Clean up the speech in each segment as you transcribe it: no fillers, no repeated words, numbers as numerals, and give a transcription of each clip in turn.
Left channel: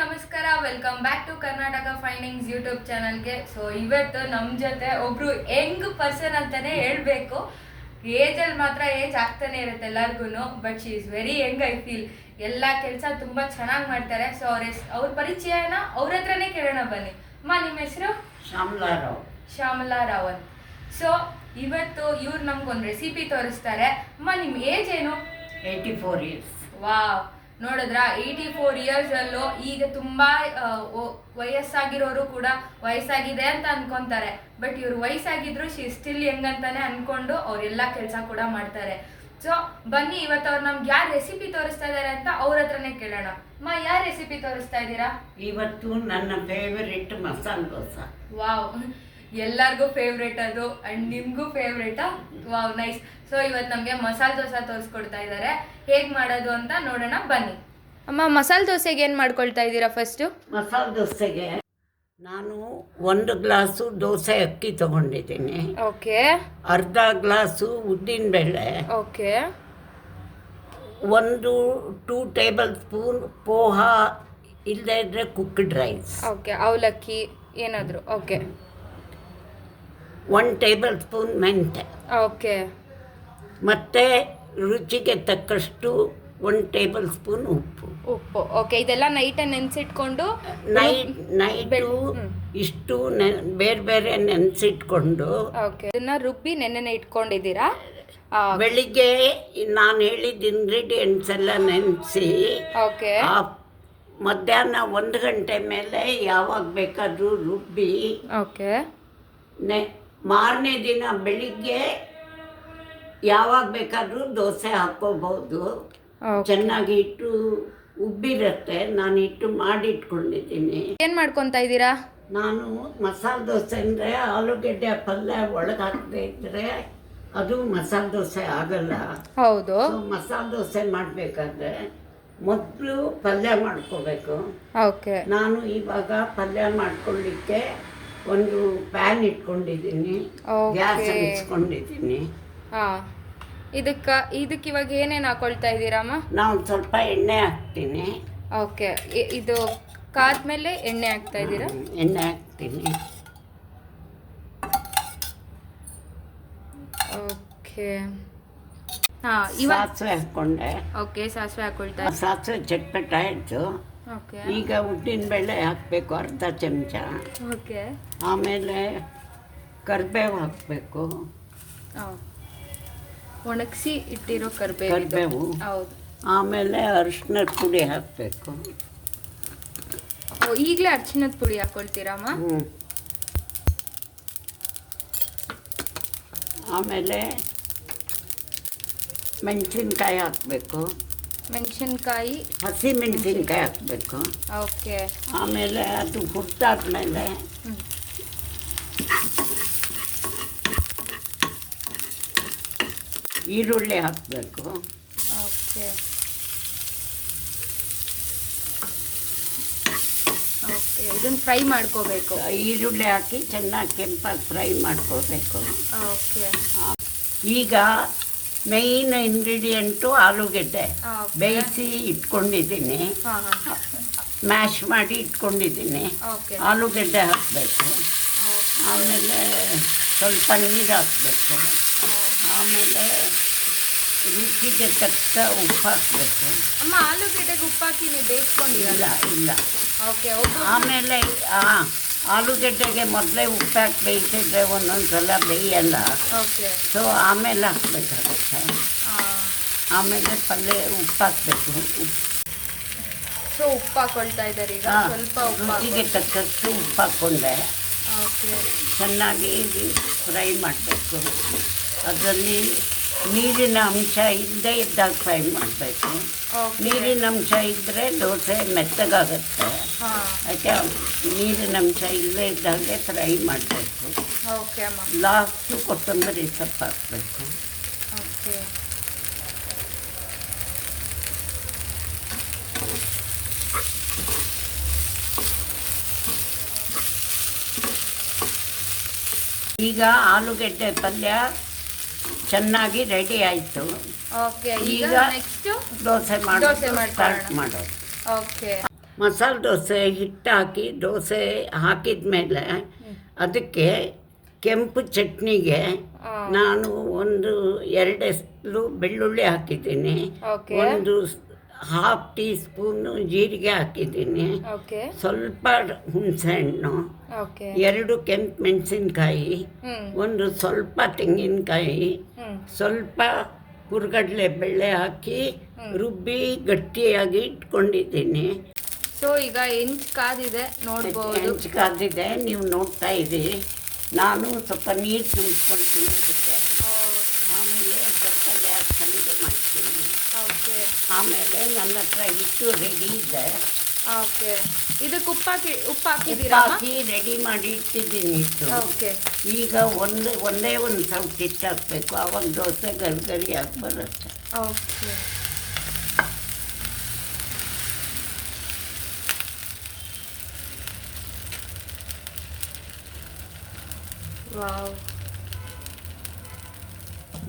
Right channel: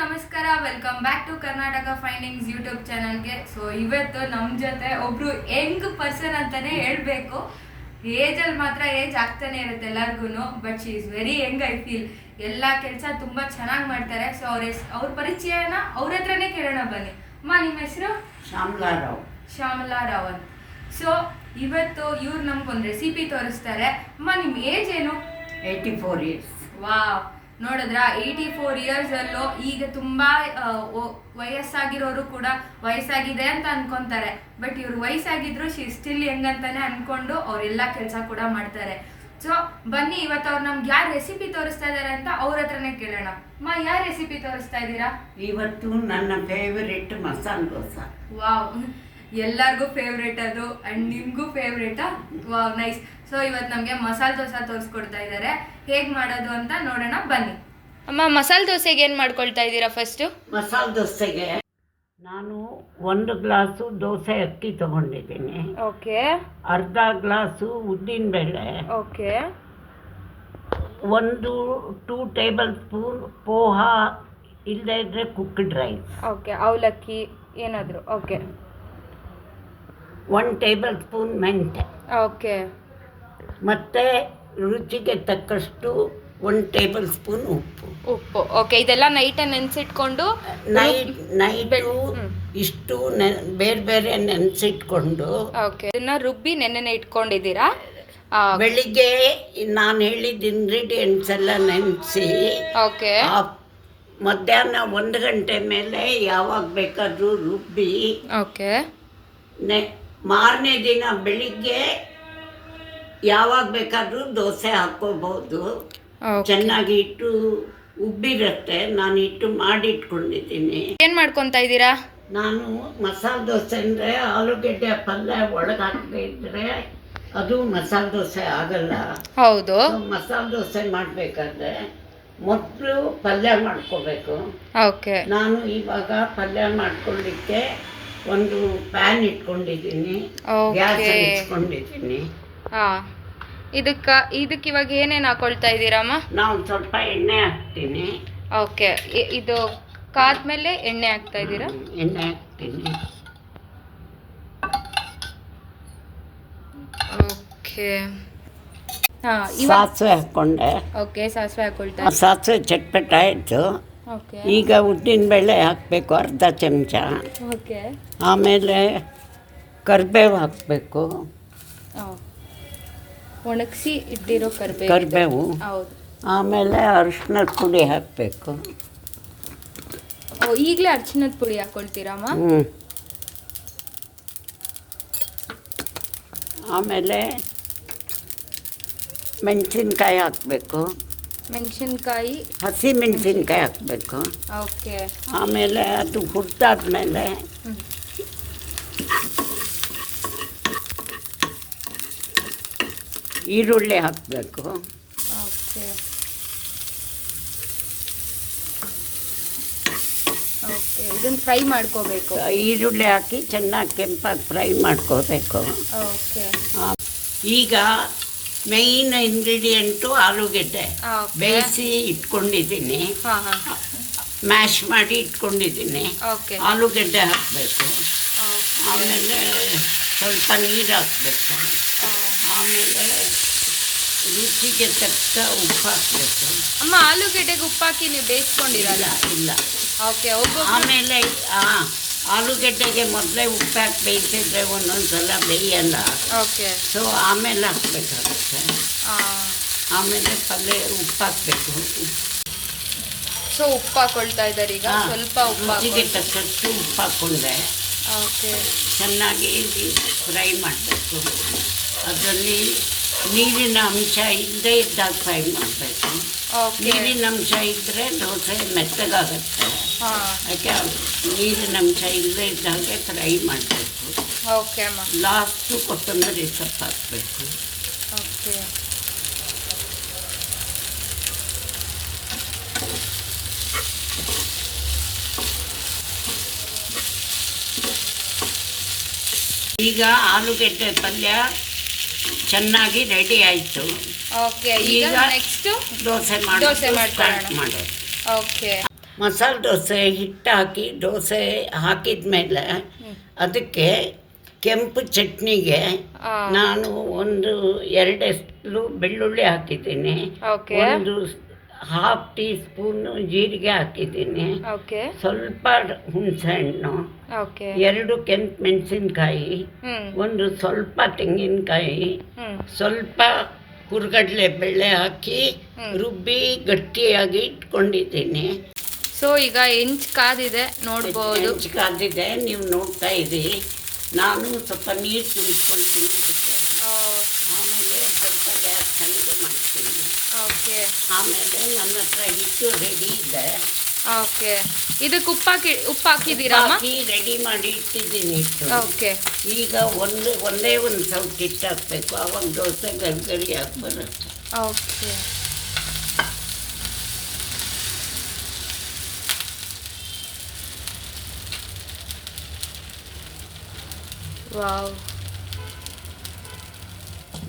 ನಮಸ್ಕಾರ, welcome back to Karnataka Findings YouTube ಚಾನಲ್ಗೆ. So ಇವತ್ತು ನಮ್ಮ ಜೊತೆ ಒಬ್ರು ಯಂಗ್ ಪರ್ಸನ್ ಅಂತಾನೆ ಹೇಳ್ಬೇಕು. ಏಜಲ್ಲಿ ಮಾತ್ರ ಏಜ್ ಆಗ್ತಾನೆ ಇರುತ್ತೆ ಎಲ್ಲರಿಗೂ, but she is very Young. I feel ಎಲ್ಲ ಕೆಲಸ ತುಂಬಾ ಚೆನ್ನಾಗಿ ಮಾಡ್ತಾರೆ. ಸೊ ಅವ್ರ ಪರಿಚಯನ ಅವ್ರ ಹತ್ರನೇ ಕೇಳೋಣ ಬನ್ನಿ. ಅಮ್ಮ, ನಿಮ್ಮ ಹೆಸರು? ಶ್ಯಾಮಲಾ ರಾವ್ ಅಂತ. ಸೊ ಇವತ್ತು ಇವ್ರು ನಮ್ಗೊಂದು ರೆಸಿಪಿ ತೋರಿಸ್ತಾರೆ. ಅಮ್ಮ, ನಿಮ್ಮ ಏಜ್ ಏನು? 84 years. ವಾವ್, ನೋಡಿದ್ರ 84 ಇಯರ್ಸ್ ಅಲ್ಲೂ ಈಗ ತುಂಬಾ ವಯಸ್ಸಾಗಿರೋರು ಕೂಡ ವಯಸ್ಸಾಗಿದೆ ಅಂತ ಅನ್ಕೊಂತಾರೆ. ಬಟ್ ಇವ್ರು ವಯಸ್ಸಾಗಿದ್ರು ಶಿ ಸ್ಟಿಲ್ ಯಂಗ್ ಅಂತಾನೆ ಅನ್ಕೊಂಡು ಅವ್ರೆಲ್ಲಾ ಕೆಲಸ ಕೂಡ ಮಾಡ್ತಾರೆ. ಸೊ ಬನ್ನಿ, ಇವತ್ತು ಅವ್ರು ನಮ್ಗೆ ಯಾರು ರೆಸಿಪಿ ತೋರಿಸ್ತಾ ಇದಾರೆ ಅಂತ ಅವ್ರ ಹತ್ರನೇ ಕೇಳೋಣ. ಅಮ್ಮ, ಯಾರು ರೆಸಿಪಿ ತೋರಿಸ್ತಾ ಇದ್ದೀರಾ? ಇವತ್ತು ನನ್ನ ಫೇವರಿಟ್ ಮಸಾಲೆ ದೋಸೆ. ವಾವ್, ಎಲ್ಲರಿಗೂ ಫೇವ್ರೇಟ್ ಅದು, ಅಂಡ್ ನಿಮ್ಗೂ ಫೇವ್ರೇಟಾ? Wow, nice. ಸೊ ಇವತ್ತು ನಮಗೆ ಮಸಾಲೆ ದೋಸೆ ತೋರಿಸ್ಕೊಡ್ತಾ ಇದ್ದಾರೆ. ಹೇಗೆ ಮಾಡೋದು ಅಂತ ನೋಡೋಣ ಬನ್ನಿ. ಅಮ್ಮ, ಮಸಾಲೆ ದೋಸೆಗೆ ಏನು ಮಾಡ್ಕೊಳ್ತಾ ಇದ್ದೀರಾ ಫಸ್ಟು? ಮಸಾಲೆ ದೋಸೆಗೆ ನಾನು 1 ಗ್ಲಾಸು ದೋಸೆ ಅಕ್ಕಿ ತಗೊಂಡಿದ್ದೀನಿ. ಓಕೆ. ಅರ್ಧ ಗ್ಲಾಸು ಉದ್ದಿನಬೇಳೆ. ಓಕೆ. 2 ಟೇಬಲ್ ಸ್ಪೂನ್ ಪೋಹ, ಇಲ್ಲದೇ ಇದ್ರೆ ಕುಕ್ಡ್ ರೈಸ್. ಓಕೆ, ಅವಲಕ್ಕಿ ಏನಾದರೂ. ಓಕೆ. 1 ಟೇಬಲ್ ಸ್ಪೂನ್ ಮೆಂತೆ. ಓಕೆ. ಮತ್ತು ರುಚಿಗೆ ತಕ್ಕಷ್ಟು 1 ಟೇಬಲ್ ಸ್ಪೂನ್ ಉಪ್ಪು. ಓಕೆ. ಇದೆಲ್ಲ ನೈಟೇ ನೆನೆಸಿಟ್ಕೊಂಡು ನೈಟು ಇಷ್ಟು ಬೇರೆ ಬೇರೆ ನೆನೆಸಿಟ್ಕೊಂಡು ಓಕೆ, ಇದನ್ನ ರುಬ್ಬಿ ನೆನ್ನೆ ಇಟ್ಕೊಂಡಿದ್ದೀರಾ? ಬೆಳಿಗ್ಗೆ ನಾನು ಹೇಳಿದ ಇಂಗ್ರೀಡಿಯೆಂಟ್ಸ್ ಎಲ್ಲ ನೆನೆಸಿ ಓಕೆ, ಮಧ್ಯಾಹ್ನ 1 ಗಂಟೆ ಮೇಲೆ ಯಾವಾಗ ಬೇಕಾದರೂ ರುಬ್ಬಿ ಓಕೆ, ಮಾರನೇ ದಿನ ಬೆಳಿಗ್ಗೆ ಯಾವಾಗ ಬೇಕಾದರೂ ದೋಸೆ ಹಾಕೋಬಹುದು. ಚೆನ್ನಾಗಿ ಇಟ್ಟು ಉಬ್ಬಿರುತ್ತೆ. ನಾನು ಇಟ್ಟು ಮಾಡಿಟ್ಕೊಂಡಿದ್ದೀನಿ. ಏನು ಮಾಡ್ಕೊತಾ ಇದ್ದೀರಾ? ನಾನು ಮಸಾಲೆ ದೋಸೆ ಅಂದರೆ ಆಲೂಗೆಡ್ಡೆ ಪಲ್ಯ ಒಳಗೆ ಹಾಕಿದ್ರೆ ಅದು ಮಸಾಲೆ ದೋಸೆ ಆಗಲ್ಲ. ಹೌದು. ಮಸಾಲೆ ದೋಸೆ ಮಾಡಬೇಕಾದ್ರೆ ಮೊದಲು ಪಲ್ಯ ಮಾಡ್ಕೋಬೇಕು. ಓಕೆ. ನಾನು ಇವಾಗ ಪಲ್ಯ ಮಾಡ್ಕೊಳ್ಳಿಕ್ಕೆ ಒಂದು ಪ್ಯಾನ್ ಇಟ್ಕೊಂಡಿದ್ದೀನಿ, ಗ್ಯಾಸ್ ಇಟ್ಕೊಂಡಿದ್ದೀನಿ. ಇದಕ್ಕೆ ಇವಾಗ ಏನೇನು ಹಾಕೊಳ್ತಾ ಇದ್ದೀರಮ್ಮ? ನಾವು ಸ್ವಲ್ಪ ಎಣ್ಣೆ ಹಾಕ್ತೀನಿ. ಓಕೆ. ಇದು ಕಾದ್ಮೇಲೆ ಎಣ್ಣೆ ಹಾಕ್ತಾ ಇದ್ದೀರಾ? ಎಣ್ಣೆ ಹಾಕ್ತೀನಿ. ಓಕೆ. ಸಾಸಿವೆ ಹಾಕ್ಕೊಂಡೆ. ಓಕೆ, ಸಾಸಿವೆ ಹಾಕೊಳ್ತಾ. ಸಾಸಿವೆ ಚಟ್ಪಟ ಆಯಿತು. ಓಕೆ. ಈಗ ಉದ್ದಿನಬೇಳೆ ಹಾಕಬೇಕು, ಅರ್ಧ ಚಮಚ. ಓಕೆ. ಆಮೇಲೆ ಕರಿಬೇವು ಹಾಕಬೇಕು. ಒಣಗಿಸಿ ಇಟ್ಟಿರೋ ಕರಿಬೇವು. ಹೌದು. ಆಮೇಲೆ ಅರಿಶಿನದ ಪುಡಿ ಹಾಕಬೇಕು. ಈಗಲೇ ಅರಿಶಿನದ ಪುಡಿ ಹಾಕ್ಕೊಳ್ತೀರಮ್ಮ? ಆಮೇಲೆ ಮೆಣಸಿನ್ಕಾಯಿ ಹಾಕಬೇಕು. ಮೆಣಸಿನ್ಕಾಯಿ, ಹಸಿ ಮೆಣಸಿನ್ಕಾಯಿ ಹಾಕಬೇಕು. ಓಕೆ. ಆಮೇಲೆ ಅದು ಹುಟ್ಟಾದ್ಮೇಲೆ ಈರುಳ್ಳಿ ಹಾಕಬೇಕು. ಓಕೆ. ಓಕೆ, ಇದನ್ನು ಫ್ರೈ ಮಾಡ್ಕೋಬೇಕು. ಈರುಳ್ಳಿ ಹಾಕಿ ಚೆನ್ನಾಗಿ ಕೆಂಪಾಗಿ ಫ್ರೈ ಮಾಡ್ಕೋಬೇಕು. ಓಕೆ. ಈಗ ಮೇಯ್ನ್ ಇಂಗ್ರೀಡಿಯೆಂಟು ಆಲೂಗೆಡ್ಡೆ ಬೇಯಿಸಿ ಇಟ್ಕೊಂಡಿದ್ದೀನಿ, ಮ್ಯಾಶ್ ಮಾಡಿ ಇಟ್ಕೊಂಡಿದ್ದೀನಿ. ಆಲೂಗೆಡ್ಡೆ ಹಾಕಬೇಕು. ಆಮೇಲೆ ಸ್ವಲ್ಪ ನೀರು ಹಾಕಬೇಕು. ಆಮೇಲೆ ರುಚಿಗೆ ತಕ್ಕ ಉಪ್ಪು ಹಾಕಬೇಕು. ಅಮ್ಮ, ಆಲೂಗೆಡ್ಡೆಗೆ ಉಪ್ಪು ಹಾಕಿ ನೀವು ಬೇಯಿಸ್ಕೊಂಡಿರಲ್ಲ? ಇಲ್ಲ. ಓಕೆ. ಆಮೇಲೆ ಆಲೂಗೆಡ್ಡೆಗೆ ಮೊದಲೇ ಉಪ್ಪು ಹಾಕಿ ಬೇಯಿಸಿದ್ರೆ ಒಂದೊಂದು ಸಲ ಬೇಯಲ್ಲ. ಓಕೆ. ಸೊ ಆಮೇಲೆ ಹಾಕಬೇಕಾಗುತ್ತೆ. ಆಮೇಲೆ ಪಲ್ಯ ಉಪ್ಪು ಹಾಕಬೇಕು. ಸೊ ಉಪ್ಪು ಹಾಕೊಳ್ತಾ ಇದ್ದಾರೆ ಈಗ. ಸ್ವಲ್ಪ ಉಪ್ಪು ರುಚಿಗೆ ತಕ್ಕಷ್ಟು ಉಪ್ಪು ಹಾಕ್ಕೊಂಡೆ. ಓಕೆ. ಚೆನ್ನಾಗಿ ಫ್ರೈ ಮಾಡಬೇಕು. ಅದರಲ್ಲಿ ನೀರಿನ ಅಂಶ ಇಲ್ಲದೇ ಇದ್ದಾಗ ಫ್ರೈ ಮಾಡಬೇಕು. ನೀರಿನ ಅಂಶ ಇದ್ದರೆ ದೋಸೆ ಮೆತ್ತಗಾಗುತ್ತೆ. ಯಾಕೆ ನೀರಿನ ಅಂಶ ಇಲ್ಲದೇ ಇದ್ದಾಗೆ ಫ್ರೈ ಮಾಡಬೇಕು. ಓಕೆ ಅಮ್ಮ. ಲಾಸ್ಟು ಕೊತ್ತಂಬರಿ ಸೊಪ್ಪು ಹಾಕಬೇಕು. ಓಕೆ. ಈಗ ಆಲೂಗೆಡ್ಡೆ ಪಲ್ಯ ಚೆನ್ನಾಗಿ ರೆಡಿ ಆಯಿತು. ಓಕೆ. ಈಗ ನೆಕ್ಸ್ಟ್ ದೋಸೆ ಮಾಡ್ಕೊಳ್ಳೋಣ. ಮಾಡೋದು. ಓಕೆ. ಮಸಾಲೆ ದೋಸೆ ಹಿಟ್ಟು ಹಾಕಿ ದೋಸೆ ಹಾಕಿದ ಮೇಲೆ ಅದಕ್ಕೆ ಕೆಂಪು ಚಟ್ನಿಗೆ ನಾನು 2 ಸ್ಪೂನು ಬೆಳ್ಳುಳ್ಳಿ ಹಾಕಿದ್ದೀನಿ, ಓಕೆ. 1/2 ಟೀ ಸ್ಪೂನು ಜೀರಿಗೆ ಹಾಕಿದ್ದೀನಿ, ಓಕೆ. ಸ್ವಲ್ಪ ಹುಣಸೆಹಣ್ಣು, ಓಕೆ. 2 ಕೆಂಪು ಮೆಣಸಿನ್ಕಾಯಿ, ಸ್ವಲ್ಪ ತೆಂಗಿನಕಾಯಿ, ಸ್ವಲ್ಪ ಹುರ್ಗಡ್ಲೆ ಬೇಳೆ ಹಾಕಿ ರುಬ್ಬಿ ಗಟ್ಟಿಯಾಗಿ ಇಟ್ಕೊಂಡಿದ್ದೀನಿ. ಸೊ ಈಗ ಹೆಂಚು ಕಾದಿದೆ ನೋಡ್ಬೋದು. ಹೆಂಚು ಕಾದಿದೆ, ನೀವು ನೋಡ್ತಾ ಇದ್ದೀರಿ. ನಾನು ಸ್ವಲ್ಪ ನೀರು ತುಂಬಿಸ್ಕೊಳ್ತೀನಿ ಅದಕ್ಕೆ. ಆಮೇಲೆ ಸ್ವಲ್ಪ ಗ್ಯಾಸ್ ಕಡಿಮೆ ಮಾಡ್ತೀನಿ. ಓಕೆ. ಆಮೇಲೆ ನನ್ನ ಹತ್ರ ಹಿಟ್ಟು ರೆಡಿ ಇದೆ. ಓಕೆ. ಇದಕ್ಕೆ ಉಪ್ಪು ಹಾಕಿದ್ದೀರಾ? ಹಾಕಿ ರೆಡಿ ಮಾಡಿ ಇಟ್ಟಿದ್ದೀನಿ ಹಿಟ್ಟು. ಓಕೆ. ಈಗ ಒಂದೇ ಒಂದು ಸ್ವಲ್ಪ ಹಿಟ್ಟು ಹಾಕಬೇಕು, ಆವಾಗ ದೋಸೆ ಗರಿ ಹಾಕಿ ಬರುತ್ತೆ. ಓಕೆ. ವಾವ್.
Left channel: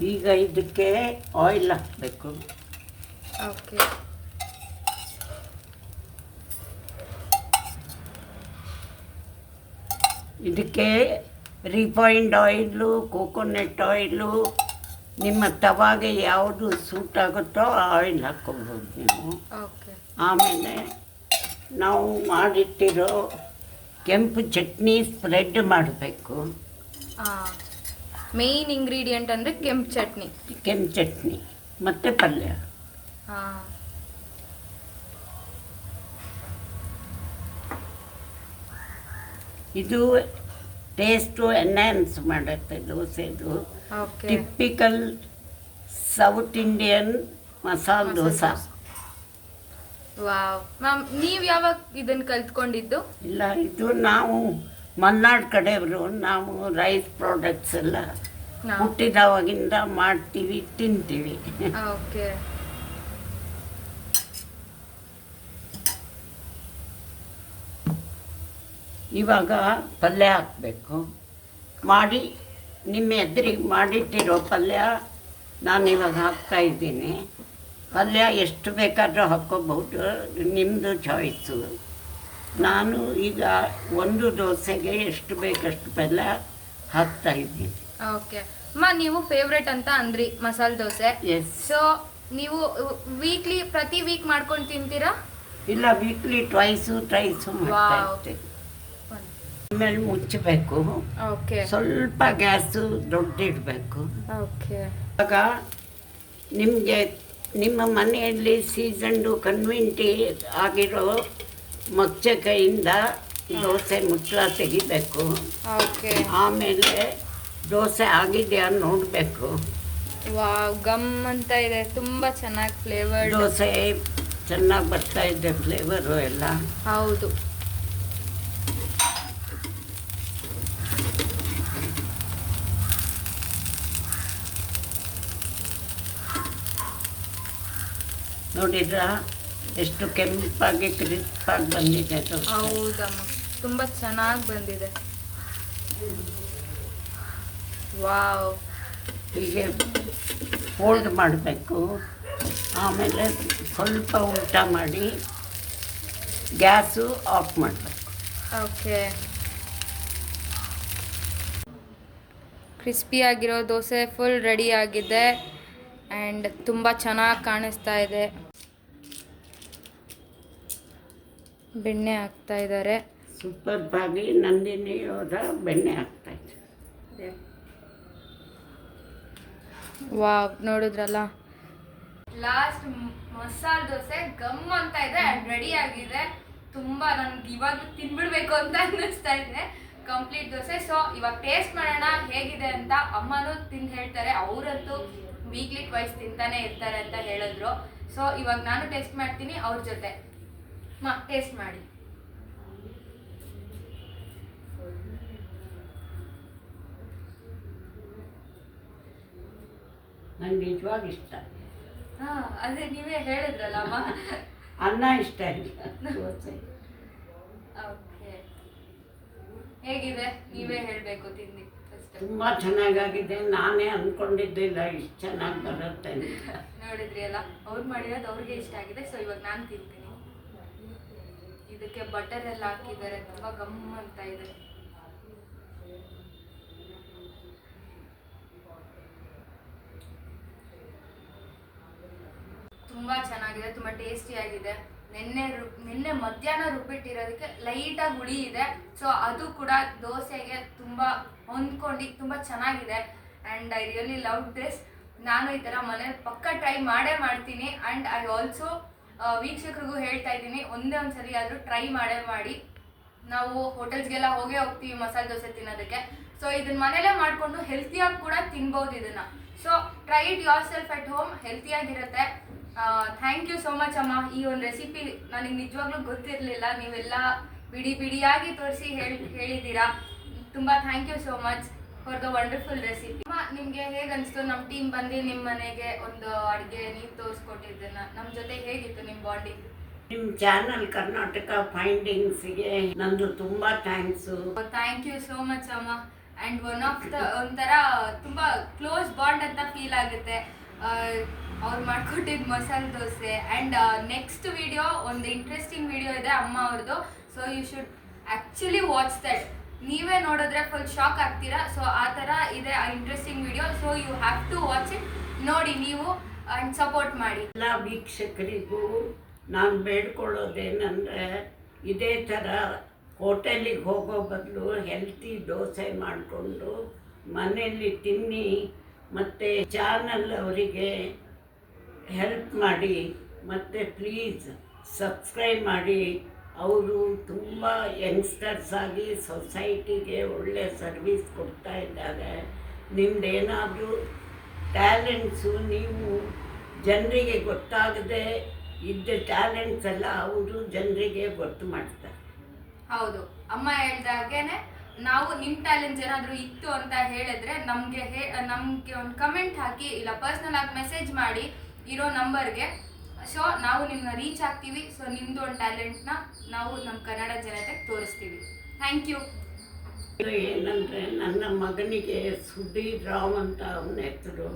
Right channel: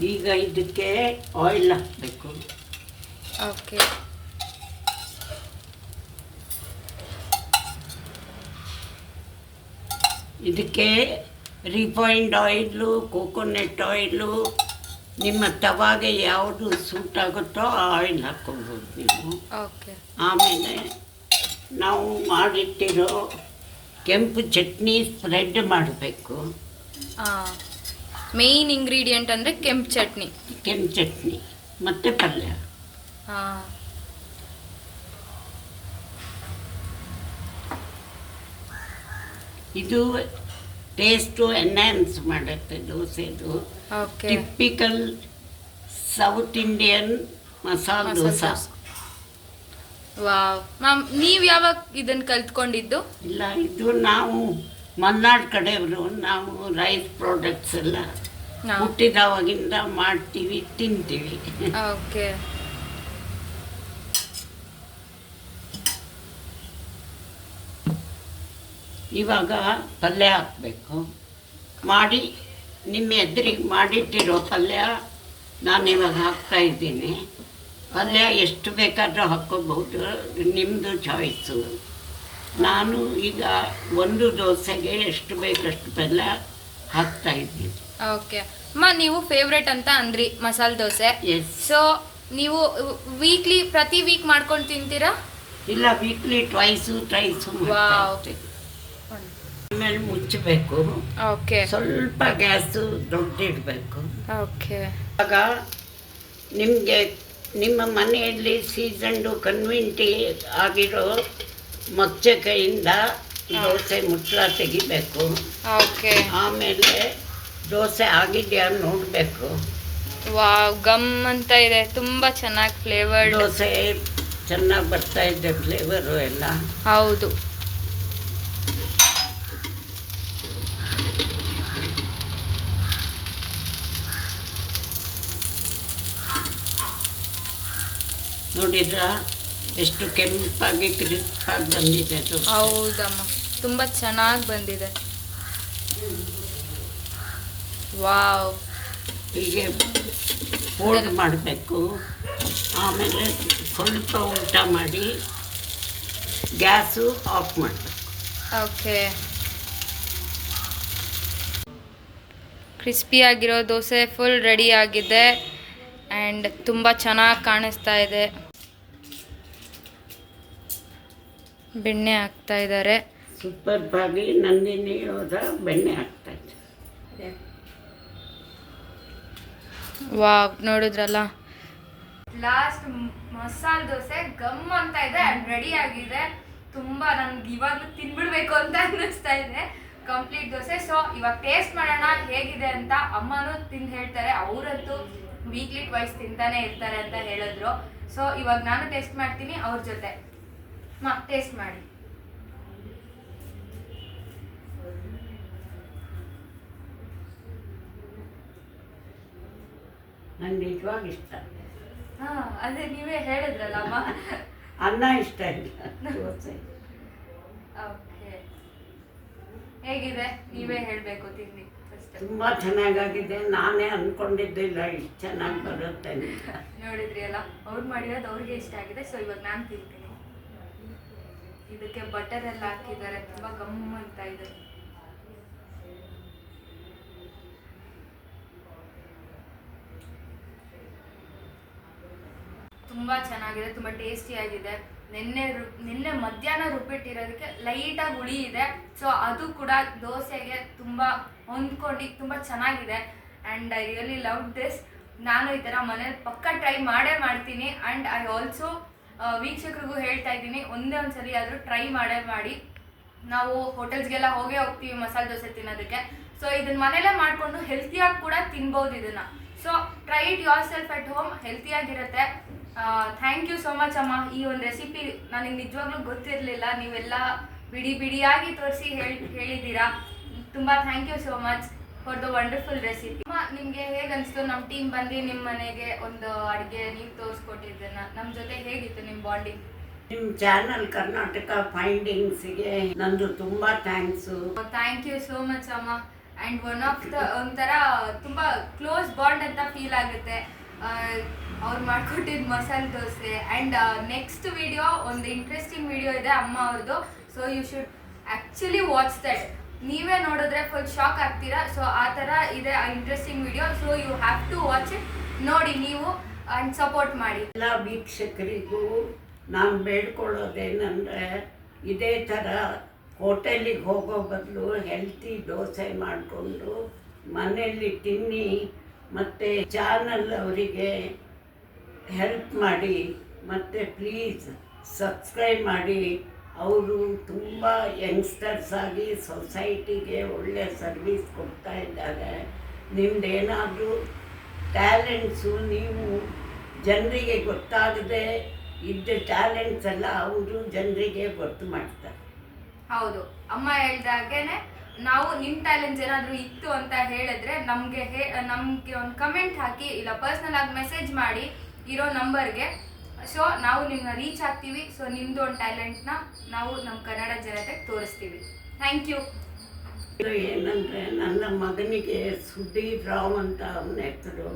ಈಗ ಇದಕ್ಕೆ ಆಯಿಲ್ ಹಾಕಬೇಕು. ಓಕೆ. ಇದಕ್ಕೆ ರಿಫೈನ್ಡ್ ಆಯಿಲು, ಕೋಕೋನಟ್ ಆಯಿಲು, ನಿಮ್ಮ ತವಾಗೆ ಯಾವುದು ಸೂಟ್ ಆಗುತ್ತೋ ಆ ಆಯಿಲ್ ಹಾಕ್ಕೊಳ್ಬೋದು ನೀವು. ಓಕೆ. ಆಮೇಲೆ ನಾವು ಮಾಡಿಟ್ಟಿರೋ ಕೆಂಪು ಚಟ್ನಿ ಸ್ಪ್ರೆಡ್ ಮಾಡಬೇಕು. ಮೇನ್ ಇಂಗ್ರೀಡಿಯೆಂಟ್ ಅಂದರೆ ಕೆಂಪು ಚಟ್ನಿ ಮತ್ತು ಪಲ್ಯ. ಇದು ಟೇಸ್ಟು ಎನ್ಹ್ಯಾನ್ಸ್ ಮಾಡುತ್ತೆ ದೋಸೆದು. Typical south Indian masala dosa. Wow ma'am, ನೀವು ಯಾವಾಗ ಇದನ್ನು ಕಲ್ತ್ಕೊಂಡಿದ್ದು? ಇಲ್ಲ, ಇದು ನಾವು ಮಲೆನಾಡು ಕಡೆಯವರು. ನಾವು ರೈಸ್ ಪ್ರಾಡಕ್ಟ್ಸ್ ಎಲ್ಲ ಹುಟ್ಟಿದವಾಗಿಂದ ಮಾಡ್ತೀವಿ, ತಿಂತೀವಿ. ಓಕೆ. ಇವಾಗ ಪಲ್ಯ ಹಾಕಬೇಕು. ನಿಮ್ಮ ಎದುರಿಗೆ ಮಾಡಿಟ್ಟಿರೋ ಪಲ್ಯ ನಾನಿವಾಗ ಹಾಕ್ತಾಯಿದ್ದೀನಿ. ಪಲ್ಯ ಎಷ್ಟು ಬೇಕಾದರೂ ಹಾಕ್ಕೋಬಹುದು, ನಿಮ್ಮದು ಚಾಯ್ಸು. ನಾನು ಈಗ ಒಂದು ದೋಸೆಗೆ ಎಷ್ಟು ಬೇಕಷ್ಟು ಪಲ್ಯ ಹಾಕ್ತಾಯಿದ್ದೀನಿ. ಓಕೆ ಅಮ್ಮ, ನೀವು ಫೇವ್ರೆಟ್ ಅಂತ ಅಂದ್ರಿ ಮಸಾಲೆ ದೋಸೆ. ಎಸ್. ಸೊ ನೀವು ಪ್ರತಿ ವೀಕ್ ಮಾಡ್ಕೊಂಡು ತಿಂತೀರಾ? ಇಲ್ಲ, ವೀಕ್ಲಿ ಟ್ರೈಸು ಆಮೇಲೆ ಮುಚ್ಚಬೇಕು. ಓಕೆ. ಸ್ವಲ್ಪ ಗ್ಯಾಸು ದೊಡ್ಡಿಡಬೇಕು. ಓಕೆ. ಆಗ ನಿಮ್ಮ ಮನೆಯಲ್ಲಿ ಸೀಸನ್ಡು ಕನ್ವಿಂಟಿ ಆಗಿರೋ ಮೊಚ್ಚೆ ಕೈಯಿಂದ ದೋಸೆ ಮುಚ್ಚಳ ತೆಗಿಬೇಕು. ಓಕೆ. ಆಮೇಲೆ ದೋಸೆ ಆಗಿದೆಯಾ ನೋಡಬೇಕು. ವಾವ್, ಗಮ್ ಅಂತ ಇದೆ, ತುಂಬ ಚೆನ್ನಾಗಿ ಫ್ಲೇವರ್ಡ್ ದೋಸೆ ಚೆನ್ನಾಗಿ ಬರ್ತಾ ಇದೆ, ಫ್ಲೇವರು ಎಲ್ಲ. ಹೌದು. ನೋಡಿದ್ರಾ ಎಷ್ಟು ಕೆಂಪಾಗಿ ಕ್ರಿಸ್ಪಾಗಿ ಬಂದಿದೆ ದೋಸೆ. ಹೌದಮ್ಮ, ತುಂಬ ಚೆನ್ನಾಗಿ ಬಂದಿದೆ. ವಾವ್. ಹೀಗೆ ಫೋಲ್ಡ್ ಮಾಡಬೇಕು. ಆಮೇಲೆ ಸ್ವಲ್ಪ ಊಟ ಮಾಡಿ ಗ್ಯಾಸು ಆಫ್ ಮಾಡಬೇಕು. ಓಕೆ. ಕ್ರಿಸ್ಪಿಯಾಗಿರೋ ದೋಸೆ ಫುಲ್ ರೆಡಿ ಆಗಿದೆ ಆ್ಯಂಡ್ ತುಂಬ ಚೆನ್ನಾಗಿ ಕಾಣಿಸ್ತಾ ಇದೆ. ಬೆಣ್ಣೆ ಹಾಕ್ತಾ ಇದ್ದಾರೆ. ಸೂಪರ್ ಆಗಿ ನಂದಿನಿ ಅವರ ಬೆಣ್ಣೆ ಹಾಕ್ತಾ ಇದೆ. ವಾವ್, ನೋಡಿದ್ರಲ್ಲ, ಲಾಸ್ಟ್ ಮಸಾಲೆ ದೋಸೆ ಗಮ್ ಅಂತ ಇದೆ ಆ್ಯಂಡ್ ರೆಡಿ ಆಗಿದೆ. ತುಂಬ ನನಗೆ ಇವಾಗಲೂ ತಿನ್ಬಿಡ್ಬೇಕು ಅಂತ ಅನ್ನಿಸ್ತಾ ಇದೆ ಕಂಪ್ಲೀಟ್ ದೋಸೆ. ಸೊ ಇವಾಗ ಟೇಸ್ಟ್ ಮಾಡೋಣ ಹೇಗಿದೆ ಅಂತ. ಅಮ್ಮನೂ ತಿಂದು ಹೇಳ್ತಾರೆ, ಅವರಂತೂ ವೀಕ್ಲಿ ಟ್ವೈಸ್ ತಿಂತಾನೆ ಇರ್ತಾರೆ ಅಂತ ಹೇಳಿದ್ರು. ಸೊ ಇವಾಗ ನಾನು ಟೇಸ್ಟ್ ಮಾಡ್ತೀನಿ ಅವ್ರ ಜೊತೆ. ಟೇಸ್ಟ್ ಮಾಡಿ. ನನಗೆ ನಿಜವಾಗಿ ಇಷ್ಟ. ಅದೇ ನೀವೇ ಹೇಳಿದ್ರಲ್ಲ ಅಮ್ಮ. ಅನ್ನ ಇಷ್ಟ ಇಲ್ಲ, ದೋಸೆ. ಓಕೆ, ಹೇಗಿದೆ ನೀವೇ ಹೇಳಬೇಕು ತಿಂದು. ತುಂಬ ಚೆನ್ನಾಗಾಗಿದೆ. ನಾನೇ ಅಂದ್ಕೊಂಡಿದ್ದಿಲ್ಲ ಇಷ್ಟು ಚೆನ್ನಾಗಿ ಬರುತ್ತೆ ಅಂತ. ನೋಡಿದ್ರಿ ಅಲ್ಲ, ಅವ್ರು ಮಾಡಿರೋದು ಅವ್ರಿಗೆ ಇಷ್ಟ ಆಗಿದೆ. ಸೊ ಇವಾಗ ನಾನು ತಿಂತೀನಿ. ಇದಕ್ಕೆ ಬಟರ್ ಎಲ್ಲ ಹಾಕಿದ್ದಾರೆ, ತುಂಬ ಗಮ್ ಅಂತ ಇದೆ. ತುಂಬ ಚೆನ್ನಾಗಿದೆ, ತುಂಬ ಟೇಸ್ಟಿಯಾಗಿದೆ. ನಿನ್ನೆ ಮಧ್ಯಾಹ್ನ ರುಬ್ಬಿಟ್ಟಿರೋದಕ್ಕೆ ಲೈಟಾಗಿ ಹುಳಿ ಇದೆ. ಸೊ ಅದು ಕೂಡ ದೋಸೆಗೆ ತುಂಬ ಹೊಂದ್ಕೊಂಡು ತುಂಬ ಚೆನ್ನಾಗಿದೆ. And I really love this. ನಾನು ಈ ಥರ ಮನೇಲಿ ಪಕ್ಕ ಟ್ರೈ ಮಾಡೇ ಮಾಡ್ತೀನಿ. ಆ್ಯಂಡ್ ಐ ಆಲ್ಸೋ ವೀಕ್ಷಕರಿಗೂ ಹೇಳ್ತಾ ಇದ್ದೀನಿ, ಒಂದೇ ಒಂದು ಸರಿ ಆದರೂ ಟ್ರೈ ಮಾಡೇ ಮಾಡಿ. ನಾವು ಹೋಟೆಲ್ಸ್ಗೆಲ್ಲ ಹೋಗ್ತೀವಿ ಮಸಾಲೆ ದೋಸೆ ತಿನ್ನೋದಕ್ಕೆ. ಸೊ ಇದನ್ನ ಮನೇಲೇ ಮಾಡಿಕೊಂಡು ಹೆಲ್ತಿಯಾಗಿ ಕೂಡ ತಿನ್ಬೋದು ಇದನ್ನು. So try it yourself at home, ಹೆಲ್ತಿಯಾಗಿರುತ್ತೆ. ಥ್ಯಾಂಕ್ ಯು ಸೋ ಮಚ್ ಅಮ್ಮ. ಈ ಒಂದು ರೆಸಿಪಿ ನನಗೆ ನಿಜವಾಗ್ಲೂ ಗೊತ್ತಿರಲಿಲ್ಲ, ನೀವೆಲ್ಲ ಬಿಡಿಯಾಗಿ ತೋರಿಸಿ ಹೇಳಿದ್ದೀರಾ. ತುಂಬ thank you so much for the wonderful recipe. ಅಮ್ಮ, ನಿಮಗೆ ಹೇಗೆ ಅನಿಸ್ತು ನಮ್ಮ ಟೀಮ್ ಬಂದು ನಿಮ್ಮ ಮನೆಗೆ ಒಂದು ಅಡುಗೆ ನೀವು ತೋರಿಸ್ಕೊಟ್ಟಿದ್ದನ್ನ? ನಮ್ಮ ಜೊತೆ ಹೇಗಿತ್ತು ನಿಮ್ಮ ಬಾಂಡಿಂಗ್? ನಿಮ್ಮ ಚಾನಲ್ ಕರ್ನಾಟಕ ಫೈಂಡಿಂಗ್ಸ್ಗೆ ನಂದು ತುಂಬ thanks. Thank you so much ಅಮ್ಮ. ಆ್ಯಂಡ್ ಒನ್ ಆಫ್ ದ ಒಂಥರ ತುಂಬ ಕ್ಲೋಸ್ ಬಾಂಡ್ ಅಂತ ಫೀಲ್ ಆಗುತ್ತೆ ಅವ್ರು ಮಾಡ್ಕೊಟ್ಟಿದ್ದು masala dosa. And next video ಒಂದು ಇಂಟ್ರೆಸ್ಟಿಂಗ್ ವಿಡಿಯೋ ಇದೆ ಅಮ್ಮ ಅವ್ರದ್ದು. So you should actually watch that. ನೀವೇ ನೋಡಿದ್ರೆ ಫುಲ್ ಶಾಕ್ ಆಗ್ತೀರಾ. ಸೊ ಆ ಥರ ಇದೆ ಆ interesting video. So you have to watch it, ನೋಡಿ ನೀವು ಆ್ಯಂಡ್ ಸಪೋರ್ಟ್ ಮಾಡಿ. ಎಲ್ಲ ವೀಕ್ಷಕರಿಗೂ ನಾನು ಬೇಡ್ಕೊಳ್ಳೋದೇನೆಂದರೆ, ಇದೇ ಥರ ಹೋಟೆಲಿಗೆ ಹೋಗೋ ಬದಲು ಹೆಲ್ತಿ ದೋಸೆ ಮಾಡಿಕೊಂಡು ಮನೆಯಲ್ಲಿ ತಿನ್ನಿ. ಮತ್ತು ಚಾನಲ್ ಅವರಿಗೆ ಹೆಲ್ಪ್ ಮಾಡಿ, ಮತ್ತು ಪ್ಲೀಸ್ ಸಬ್ಸ್ಕ್ರೈಬ್ ಮಾಡಿ. ಅವರು ತುಂಬ ಯಂಗ್ಸ್ಟರ್ಸ್ ಆಗಿ ಸೊಸೈಟಿಗೆ ಒಳ್ಳೆ ಸರ್ವಿಸ್ ಕೊಡ್ತಾ ಇದ್ದಾರೆ. ನಿಮ್ಮದೇನಾದರೂ ಟ್ಯಾಲೆಂಟ್ಸು ನೀವು ಜನರಿಗೆ ಗೊತ್ತಾಗದೆ ಇದ್ದ ಟ್ಯಾಲೆಂಟ್ಸ್ ಎಲ್ಲ ಅವರು ಜನರಿಗೆ ಗೊತ್ತು ಮಾಡ್ತಾರೆ. ಹೌದು, ಅಮ್ಮ ಹೇಳ್ದಾಗೇನೆ ನಾವು ನಿಮ್ಮ ಟ್ಯಾಲೆಂಟ್ಸ್ ಏನಾದರೂ ಇತ್ತು ಅಂತ ಹೇಳಿದ್ರೆ ನಮಗೆ ಒಂದು ಕಮೆಂಟ್ ಹಾಕಿ, ಇಲ್ಲ ಪರ್ಸ್ನಲ್ ಆಗಿ ಮೆಸೇಜ್ ಮಾಡಿ ಇರೋ ನಂಬರ್ಗೆ. ಸೊ ನಾವು ನಿಮ್ಮನ್ನ ರೀಚ್ ಆಗ್ತೀವಿ. ಸೊ ನಿಮ್ಮದು ಒಂದು ಟ್ಯಾಲೆಂಟ್ನ ನಾವು ನಮ್ಮ ಕನ್ನಡ ಜನತೆಗೆ ತೋರಿಸ್ತೀವಿ. Thank you. ಏನಂದರೆ, ನನ್ನ ಮಗನಿಗೆ ಸುಧೀರ್ ರಾವ್ ಅಂತ ಅವನ ಹೆಸರು.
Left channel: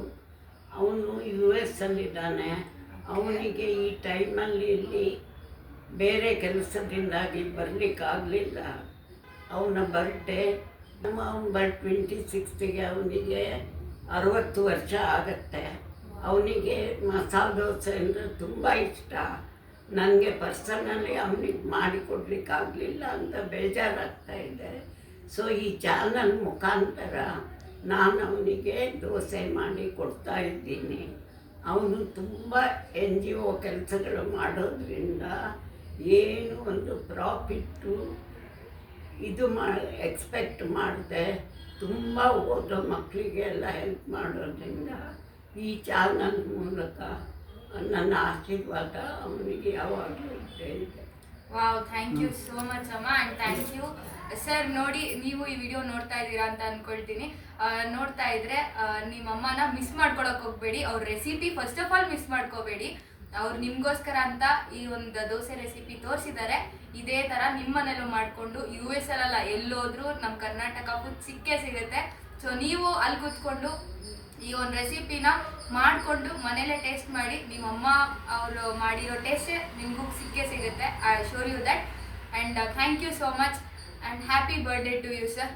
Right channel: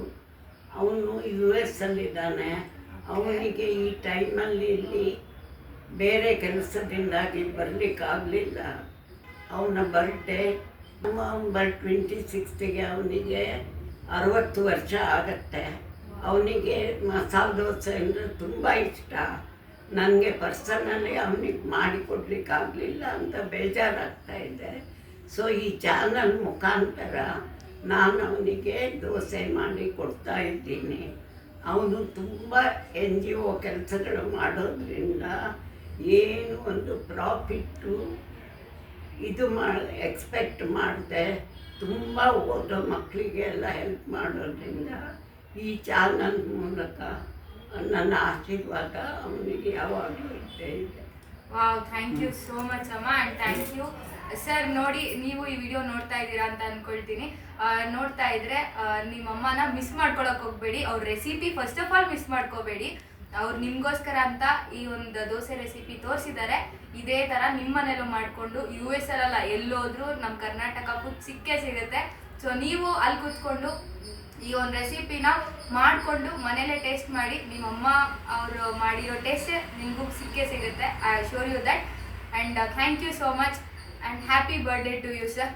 ಅವನು US ಅಲ್ಲಿದ್ದಾನೆ. ಅವನಿಗೆ ಈ ಟೈಮಲ್ಲಿ ಇಲ್ಲಿ ಬೇರೆ ಕೆಲಸದಿಂದಾಗಿ ಬರಲಿಕ್ಕಾಗಲಿಲ್ಲ. ಅವನ ಬರ್ಡೇ ನವಂಬರ್ 26ಗೆ ಅವನಿಗೆ 60 ವರ್ಷ ಆಗತ್ತೆ. ಅವನಿಗೆ ಮಸಾಲೆ ದೋಸೆ ಅಂದರೆ ತುಂಬ ಇಷ್ಟ. ನನಗೆ ಪರ್ಸನಲಿ ಅವನಿಗೆ ಮಾಡಿಕೊಡ್ಲಿಕ್ಕಾಗಲಿಲ್ಲ ಅಂತ ಬೇಜಾರಾಗ್ತಾ ಇದೆ. ಸೊ ಈ ಚಾನಲ್ ಮುಖಾಂತರ ನಾನು ಅವನಿಗೆ ದೋಸೆ ಮಾಡಿ ಕೊಡ್ತಾ ಇದ್ದೀನಿ. ಅವನು ತುಂಬ NGO ಕೆಲಸಗಳು ಮಾಡೋದ್ರಿಂದ ಏನು ಒಂದು ಪ್ರಾಫಿಟ್ಟು ಇದು ಎಕ್ಸ್ಪೆಕ್ಟ್ ಮಾಡಿದೆ. ತುಂಬ ಓದೋ ಮಕ್ಕಳಿಗೆಲ್ಲ ಹೆಲ್ಪ್ ಮಾಡೋದ್ರಿಂದ ಈ ಚಾನಲ್ ಮೂಲಕ ನನ್ನ ಆಶೀರ್ವಾದ ಅವನಿಗೆ ಯಾವಾಗಲೂ ಇದ್ದೇ ಇದೆ. Wow, thank you so much ಅಮ್ಮ. And thank you sir. ನೋಡಿ, ನೀವು ಈ ವಿಡಿಯೋ ನೋಡ್ತಾ ಇದ್ದೀರಾ ಅಂತ ಅಂದ್ಕೊಳ್ತೀನಿ. ನೋಡ್ತಾ ಇದ್ರೆ ನಿಮ್ಮ ಅಮ್ಮನ ಮಿಸ್ ಮಾಡ್ಕೊಳಕ್ಕೆ ಹೋಗಬೇಡಿ. ಅವ್ರ recipe first of all miss ಮಾಡ್ಕೋಬೇಡಿ. ಅವ್ರು ನಿಮಗೋಸ್ಕರ ಅಂತ ಈ ಒಂದು ದೋಸೆ ರೆಸಿಪಿ ತೋರಿಸಿದ್ದಾರೆ. ಇದೇ ಥರ ನಿಮ್ಮ ಮನೇಲೂ ಮಾಡಿಕೊಂಡು US ಅಲ್ಲ ಎಲ್ಲೋದ್ರೂ ನಮ್ಮ ಕರ್ನಾಟಕ ಫುಡ್ ಸಿಕ್ಕೇ ಸಿಗುತ್ತೆ. ಸೊ ನೀವು ಅಲ್ಲಿ ಕೂತ್ಕೊಂಡು ಈ ಒಂದು ರೆಸಿಪಿನ ಮಾಡಿಕೊಂಡು ಮನೇಲೇ ಟೇಸ್ಟ್ ಮಾಡಿ. ನಿಮ್ಮಮ್ಮ ಅವರು ಮಾಡಿರೋ ಟೇಸ್ಟೇ ನಿಮಗೂ ಸಿಕ್ಕೇ ಸಿಗುತ್ತೆ. I sure you that. And thank you so much and happy birthday to you sir.